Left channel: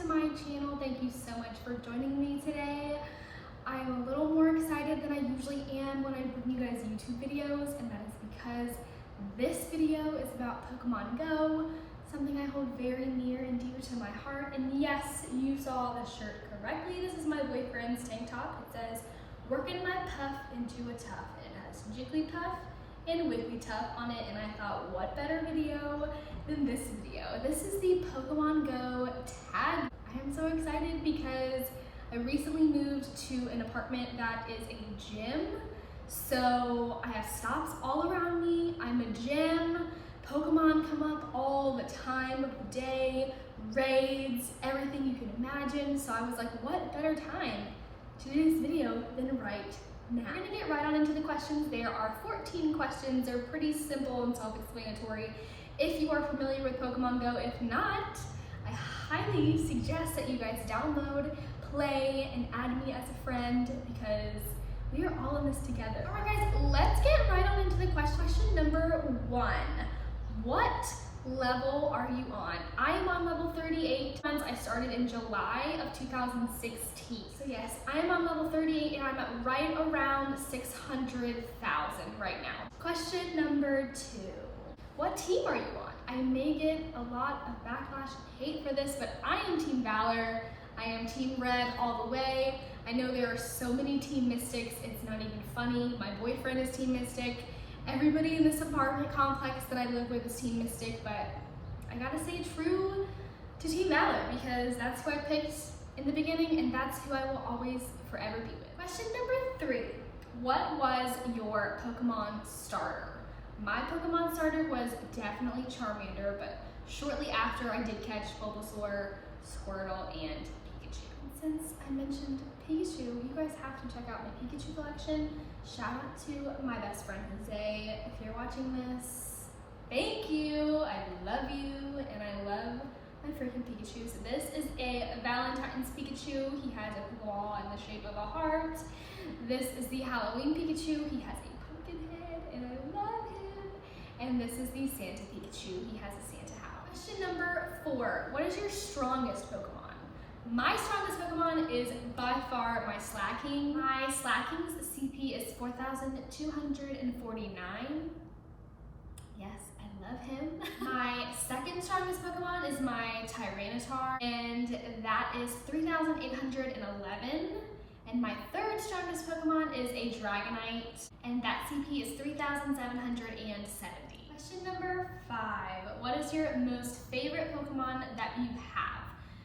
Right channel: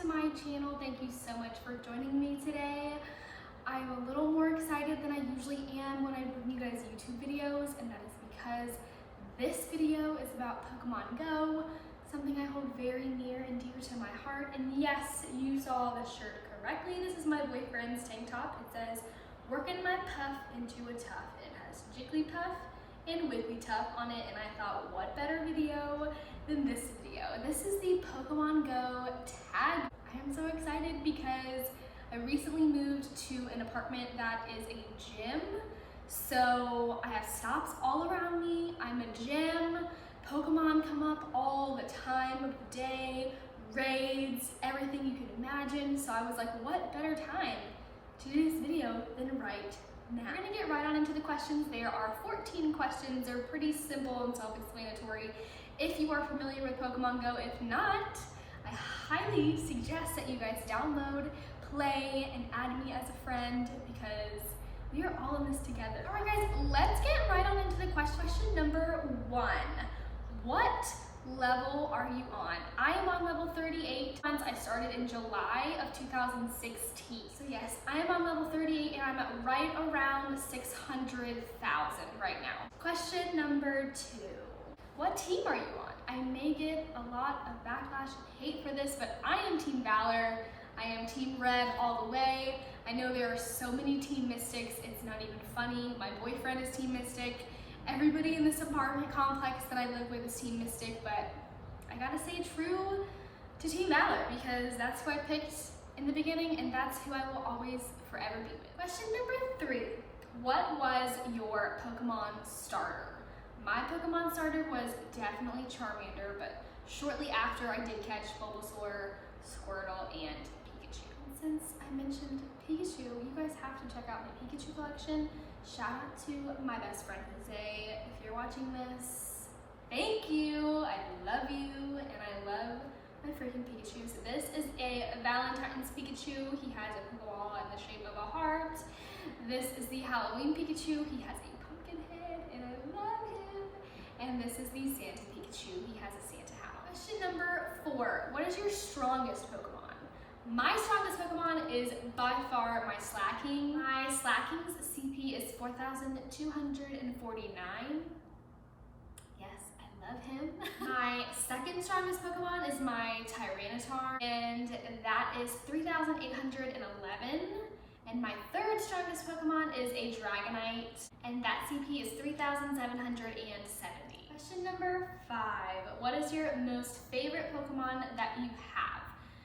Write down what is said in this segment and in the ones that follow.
to my channel. Thank you so much for joining me today. I'm a little more excited than I usually am when I bring you guys YouTube videos, and that is because this video is about Pokemon Go, something I hold very near and dear to my heart. And yes, you saw the shirt correctly. This is my boyfriend's tank top. It says, "Working my puff into a tough." It has Jigglypuff and Wigglytuff on it, and I thought, what better video than this video? This is the Pokemon Go tag. I am so excited because I recently moved to an apartment that is a gym. So I have stops all around me. I'm a gym. Pokemon come up all the time of the day, raids, everything you can imagine. So I was like, what better time to do this video than right now? We're gonna get right on into the questions. There are 14 questions. They're pretty simple and self-explanatory if you are familiar with Pokemon Go. If not, I highly suggest that you guys download, play, and add me as a friend because we are all in this together. All right guys, let's get right on into the question. Question number 1. What level are you on? I am on level 38. I started in July of 2016. So yes, I am on level 38 and I'm at right around 600,000 right now. Question number 2. What team are you on? I may get a lot of backlash and hate for this, but I am Team Valor. I am Team Red all the way. I know there are so many Team Mystics, it's not even funny. My boyfriend is Team Mystic. Everybody in this apartment complex that I live with is Team Mystic, but I gotta stay true to Team Valor because that's who I picked in the beginning and that's who I will always forever be with. Question number 3. What was your Pokemon starter? My Pokemon starter was definitely Charmander, but shortly after I did catch Bulbasaur, Squirtle, and Pikachu. Since I mentioned Pikachu, you guys have to check out my Pikachu collection. Shout out to my best friend Jose. If you're watching this, thank you. I love you and I love my freaking Pikachu. So this is a Valentine's Pikachu. He has a Pokeball in the shape of a heart. This is the Halloween Pikachu. He has a pumpkin head and I love him. And this is the Santa Pikachu. He has a Santa hat on. Question number 4. What is your strongest Pokemon? My strongest Pokemon is by far my Slacking. My Slacking's CP is 4,249. Yes, I love him. My second strongest Pokemon is my Tyranitar, and that is 3,811. And my third strongest Pokemon is a Dragonite, and that CP is 3,770. Question number 5. What is your most favorite Pokemon that you have?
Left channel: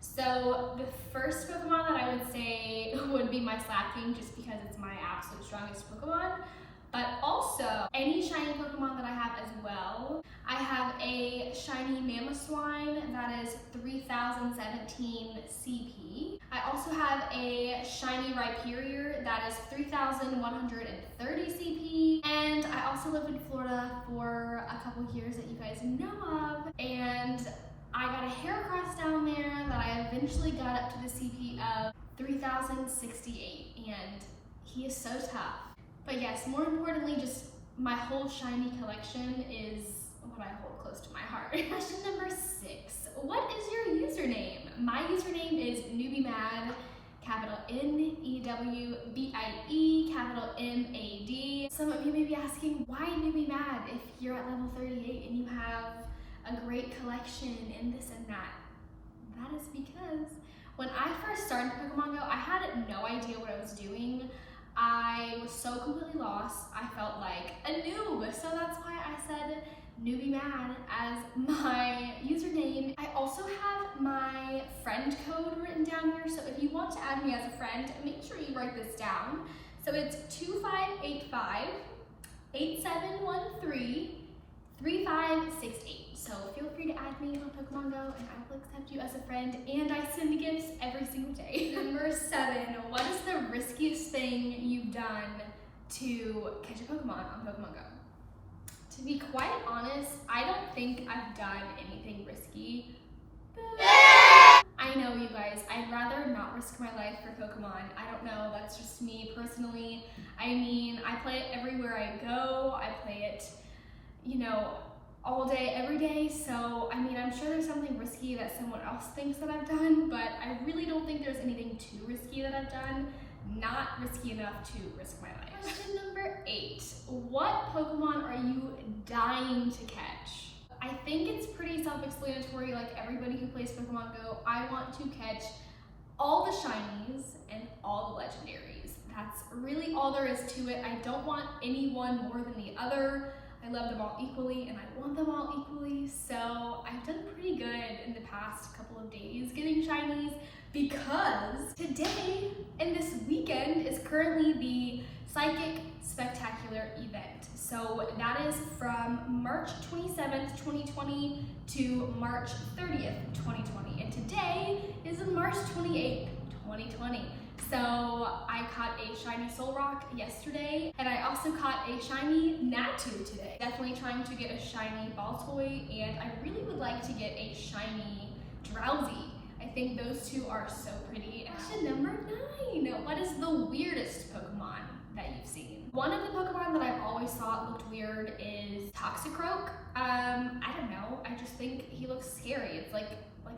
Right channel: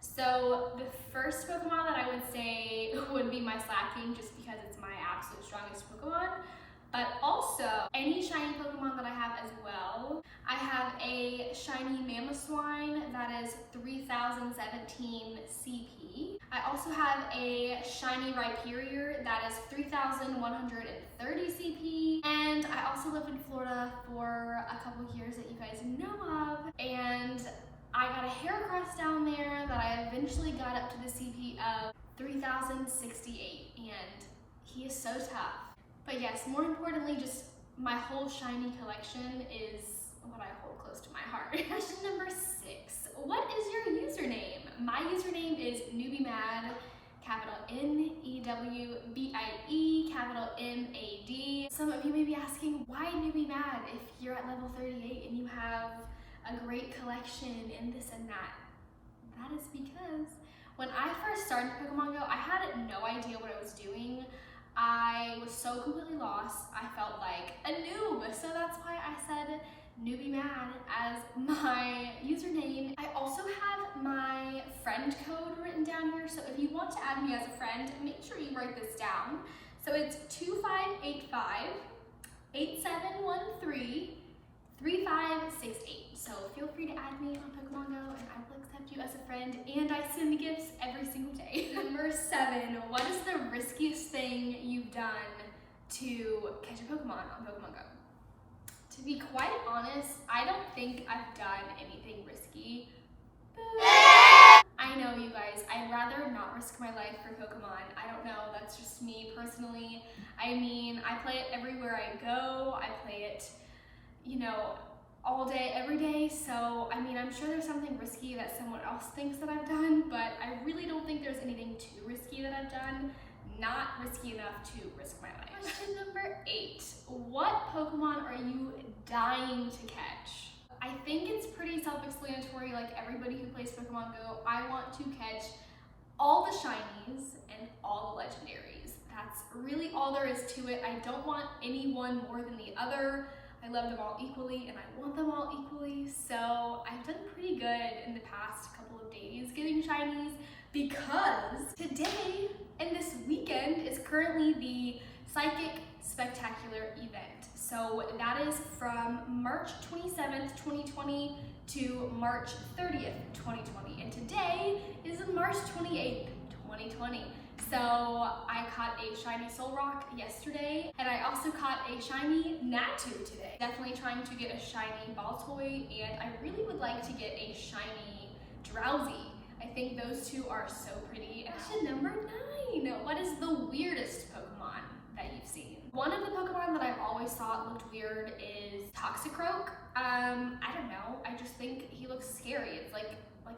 So the first Pokemon that I would say would be my Slacking just because it's my absolute strongest Pokemon, but also any shiny Pokemon that I have as well. I have a shiny Mamoswine that is 3,017 CP. I also have a shiny Rhyperior that is 3,130 CP. And I also lived in Florida for a couple years that you guys know of. And I got a Heracross down there that I eventually got up to the CP of 3,068. And he is so tough. But yes, more importantly, just my whole shiny collection is what I hold close to my heart. Question number 6. What is your username? My username is NewbieMad, capital N-E-W-B-I-E, capital M-A-D. Some of you may be asking, why NewbieMad if you're at level 38 and you have a great collection and this and that? That is because when I first started Pokemon Go, I had no idea what I was doing. I was so completely lost. I felt like a noob. So that's why I said NewbieMad as my username. I also have my friend code written down here. So if you want to add me as a friend, make sure you write this down. So it's 2585 8713 3568. So feel free to add me on Pokemon Go and I will accept you as a friend, and I send gifts every single day. Number 7, what is the riskiest thing you've done to catch a Pokemon on Pokemon Go? To be quite honest, I don't think I've done anything risky. I know, you guys, I'd rather not risk my life for Pokemon. I don't know, that's just me personally. I mean, I play it everywhere I go. I play it, you know, all day, every day. So, I mean, I'm sure there's something risky that someone else thinks that I've done, but I really don't think there's anything too risky that I've done. Not risky enough to risk my life. Question number 8. What Pokemon are you dying to catch? I think it's pretty self-explanatory, like everybody who plays Pokemon Go. I want to catch all the shinies and all the legendaries. That's really all there is to it. I don't want any one more than the other. I love them all equally and I want them all equally. So I've done pretty good in the past couple of days getting shinies, because today and this weekend is currently the Psychic Spectacular event. So that is from March 27th, 2020 to March 30th, 2020. And today is March 28th, 2020. So I caught a shiny Solrock yesterday, and I also caught a shiny Natu today. Definitely trying to get a shiny Baltoy, and I really would like to get a shiny Drowsy. I think those two are so pretty. Question number 9. What is the weirdest Pokemon that you've seen? One of the Pokemon that I've always thought looked weird is Toxicroak. I don't know, I just think he looks scary. It's like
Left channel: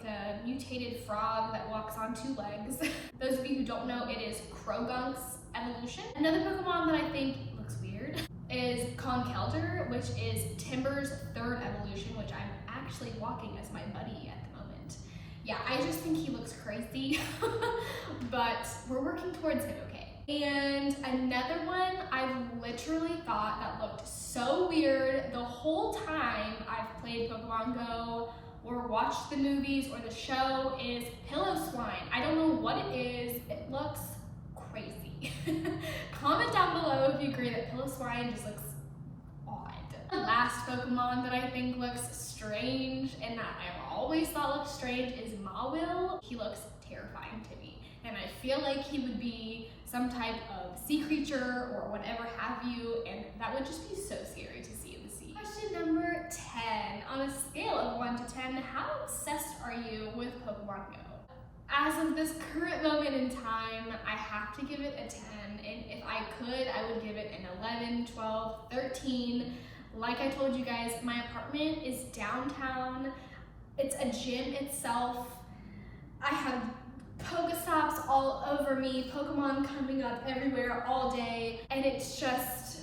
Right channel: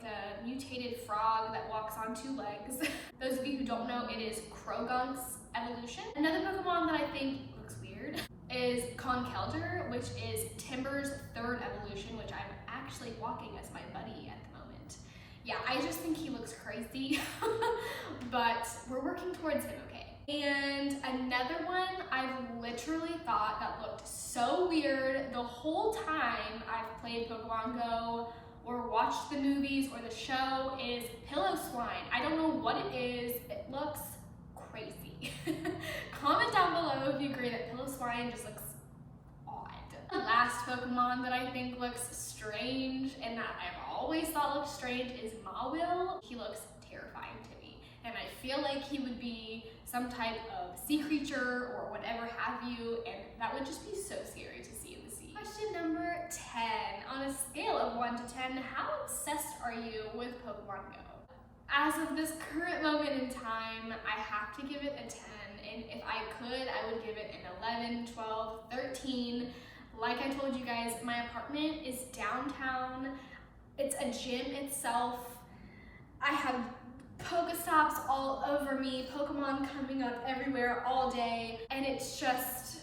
a mutated frog that walks on 2 legs. Those of you who don't know, it is Croagunk's evolution. Another Pokemon that I think looks weird is Conkeldurr, which is Timburr's 3rd evolution, which I'm actually walking as my buddy at the moment. Yeah, I just think he looks crazy, but we're working towards it, okay? And another one I've literally thought that looked so weird the whole time I've played Pokemon Go or watched the movies or the show is Piloswine. I don't know what it is. It looks crazy. Comment down below if you agree that Piloswine just looks odd. The last Pokemon that I think looks strange and that I've always thought looked strange is Mawile. He looks terrifying to me, and I feel like he would be some type of sea creature or whatever have you, and that would just be so scary to see in the sea. Question number 10. On a scale of 1 to 10, how obsessed are you with Pokemon Go? As of this current moment in time, I have to give it a 10, and if I could, I would give it an 11, 12, 13. Like I told you guys, my apartment is downtown. It's a gym itself. I have Pokestops all over me, Pokemon coming up everywhere all day, and it's just,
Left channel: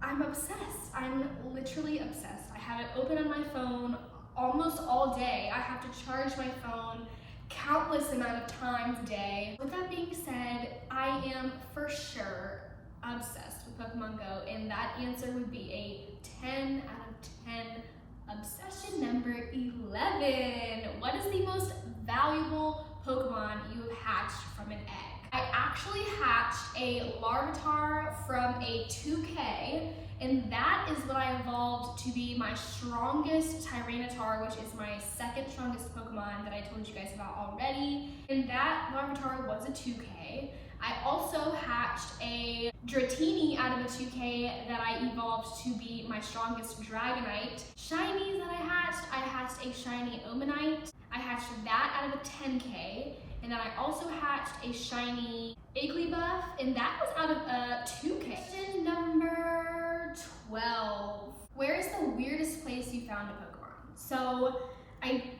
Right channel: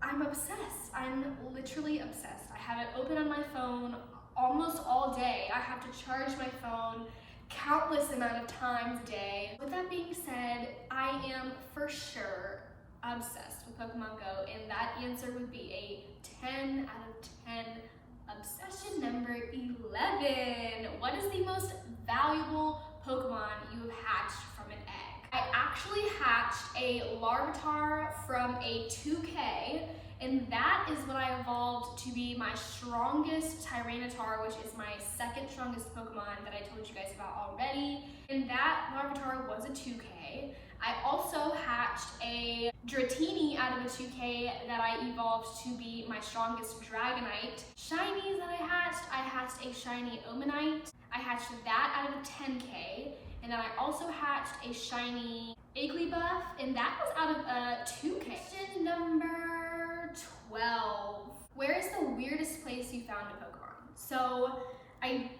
I'm obsessed. I'm literally obsessed. I have it open on my phone almost all day. I have to charge my phone countless amount of times a day. With that being said, I am for sure obsessed with Pokemon Go, and that answer would be a 10 out of 10 obsessed. Question number 11. What is the most valuable Pokemon you have hatched from an egg? I actually hatched a Larvitar from a 2K, and that is what I evolved to be my strongest Tyranitar, which is my 2nd strongest Pokemon that I told you guys about already. And that Larvitar was a 2K. I also hatched a Dratini out of a 2K that I evolved to be my strongest Dragonite. Shinies that I hatched a shiny Omanite. I hatched that out of a 10K, and then I also hatched a shiny Igglybuff, and that was out of a 2K. Question number 12. Where is the weirdest place you found a Pokemon? So I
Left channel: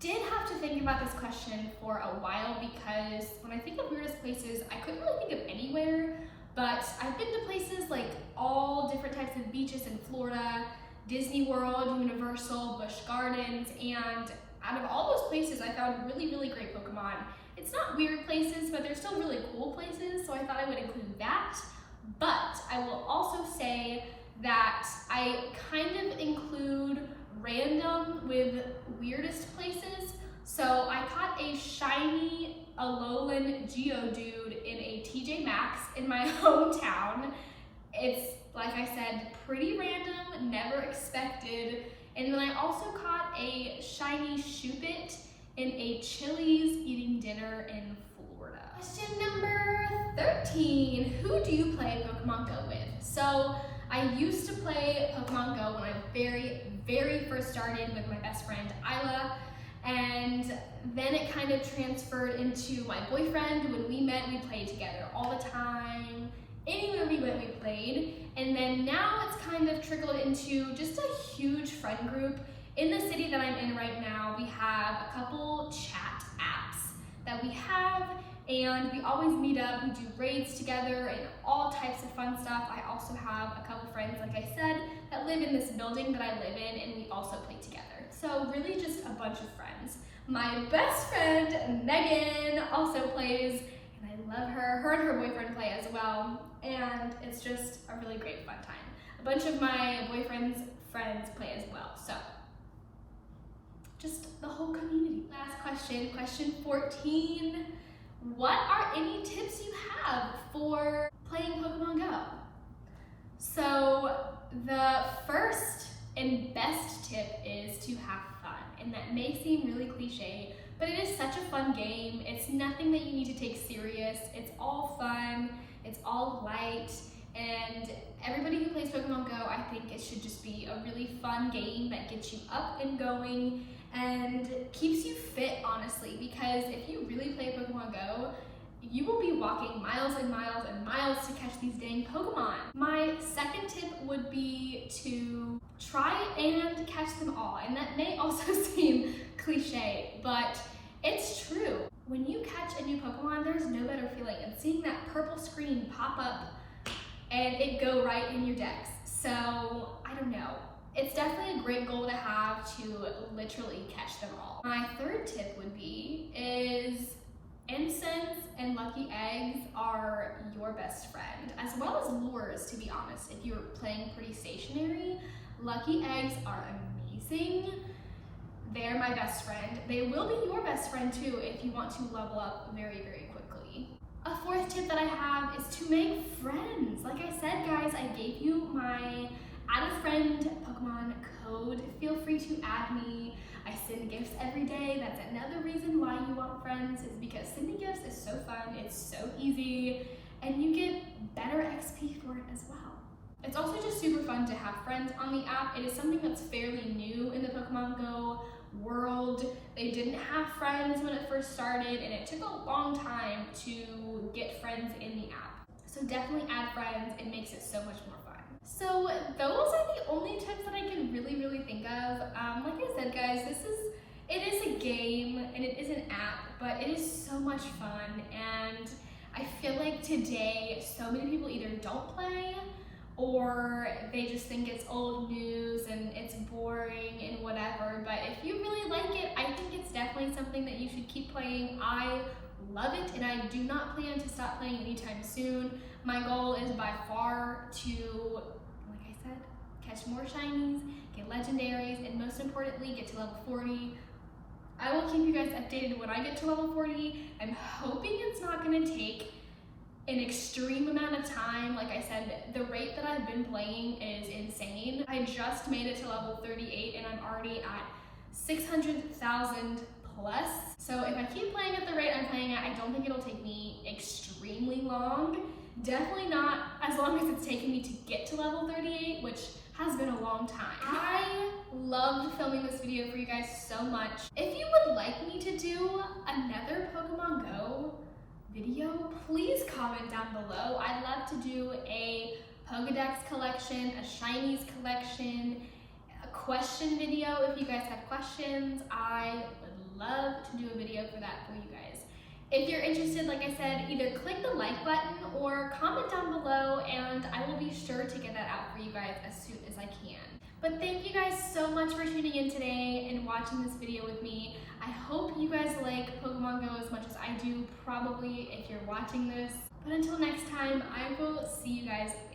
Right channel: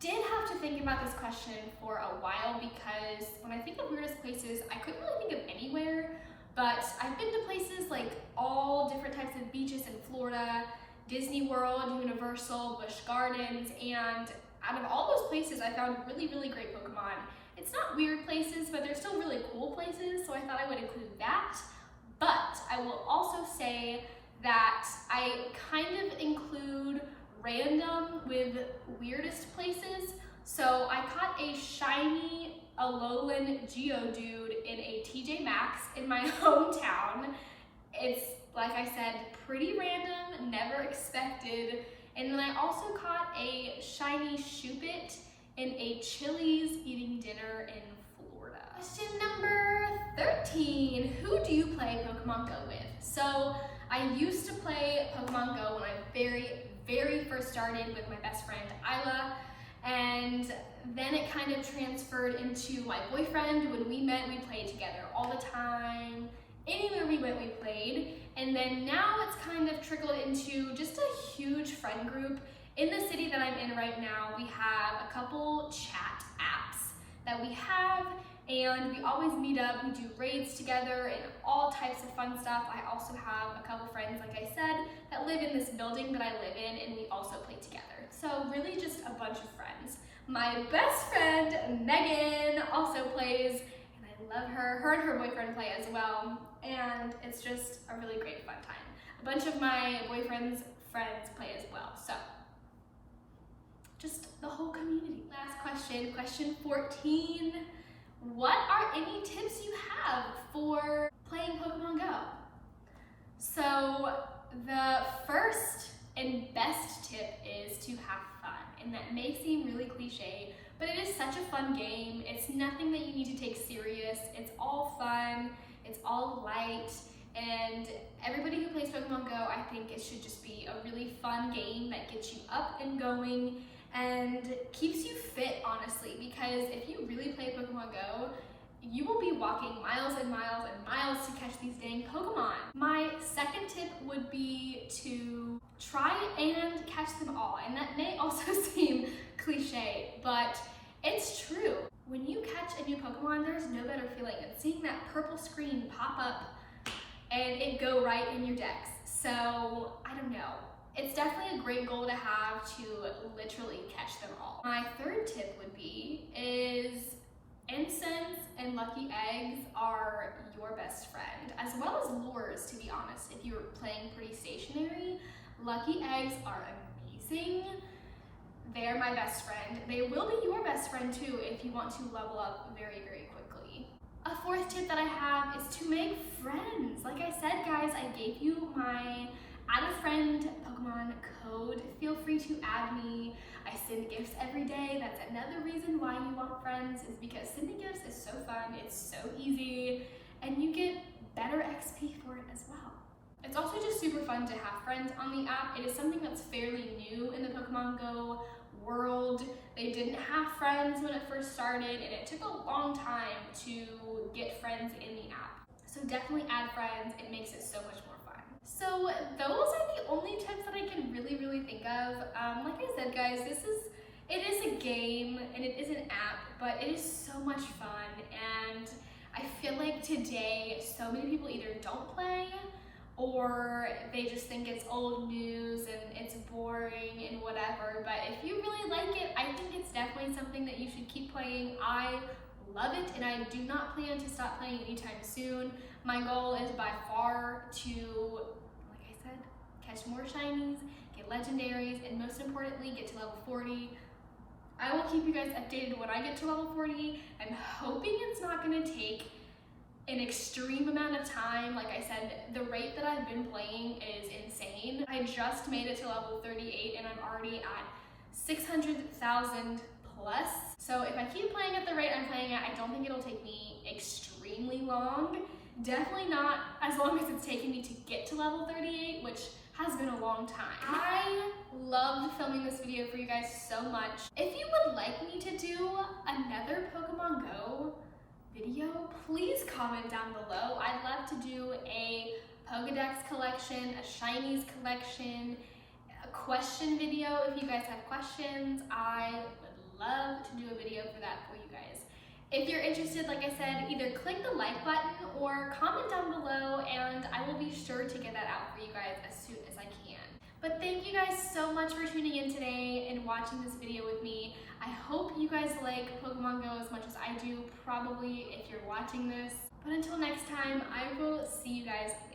did have to think about this question for a while, because when I think of weirdest places, I couldn't really think of anywhere, but I've been to places like all different types of beaches in Florida, Disney World, Universal, Busch Gardens, and out of all those places, I found really, really great Pokemon. It's not weird places, but they're still really cool places, so I thought I would include that. But I will also say that I kind of include random with weirdest places. So I caught a shiny Alolan Geodude in a TJ Maxx in my hometown. It's, like I said, pretty random, never expected. And then I also caught a shiny Shuppet in a Chili's eating dinner in Florida. Question number 13. Who do you play Pokemon Go with? So I used to play Pokemon Go when I very first started with my best friend Isla, and then it kind of transferred into my boyfriend. When we met, we played together all the time, Anywhere we went, we played. And then now it's kind of trickled into just a huge friend group. In the city that I'm in right now, we have a couple chat apps that we have, and we always meet up, we do raids together and all types of fun stuff. I also have a couple friends, like I said, that live in this building that I live in, and we also play together. So really just a bunch of friends. My best friend, Megan, also plays, and I love her. Her and her boyfriend play as well, and it's just a really great fun time. A bunch of my boyfriend's friends play as well, so just the whole community. Last question, question 14. What are any tips you have for playing Pokemon Go? So the first and best tip is to have fun. And that may seem really cliche, but it is such a fun game. It's nothing that you need to take serious. It's all fun, it's all light, and everybody who plays Pokemon Go, I think it should just be a really fun game that gets you up and going and keeps you fit, honestly, because if you really play Pokemon Go, you will be walking miles and miles and miles to catch these dang Pokemon. My second tip would be to try and catch them all, and that may also seem cliche, but it's true. When you catch a new Pokemon, there's no better feeling than seeing that purple screen pop up and it go right in your decks. So, I don't know. It's definitely a great goal to have, to literally catch them all. My third tip would be is incense and lucky eggs are your best friend, as well as lures, to be honest. If you're playing pretty stationary, lucky eggs are amazing. They're my best friend. They will be your best friend too if you want to level up very, very quickly. A fourth tip that I have is to make friends. Like I said, guys, I gave you my add a friend Pokemon code. Feel free to add me. I send gifts every day. That's another reason why you want friends, is because sending gifts is so fun, it's so easy, and you get better XP for it as well. It's also just super fun to have friends on the app. It is something that's fairly new in the Pokemon Go world. They didn't have friends when it first started, and it took a long time to get friends in the app. So definitely add friends. It makes it so much more fun. So those are the only tips that I can really think of. Like I said, guys, it is a game and it is an app, but it is so much fun, and I feel like today so many people either don't play or they just think it's old news and it's boring and whatever. But if you really like it, I think it's definitely something that you should keep playing. I love it, and I do not plan to stop playing anytime soon. My goal is by far to, like I said, catch more shinies, get legendaries, and most importantly, get to level 40. I will keep you guys updated when I get to level 40. I'm hoping it's not gonna take an extreme amount of time. Like I said, the rate that I've been playing is insane. I just made it to level 38 and I'm already at 600,000 plus. So if I keep playing at the rate I'm playing at, I don't think it'll take me extremely long. Definitely not as long as it's taken me to get to level 38, which has been a long time. I loved filming this video for you guys so much. If you would like me to do another Pokemon Go video, please comment down below. I'd love to do a Pokedex collection, a Shinies collection, a question video. If you guys have questions, I would love to do a video for that for you guys. If you're interested, like I said, either click the like button or comment down below, and I will be sure to get that out for you guys as soon as I can. But thank you guys so much for tuning in today and watching this video with me. I hope you guys like Pokemon Go as much as I do, probably, if you're watching this. But until next time, I will see you guys later.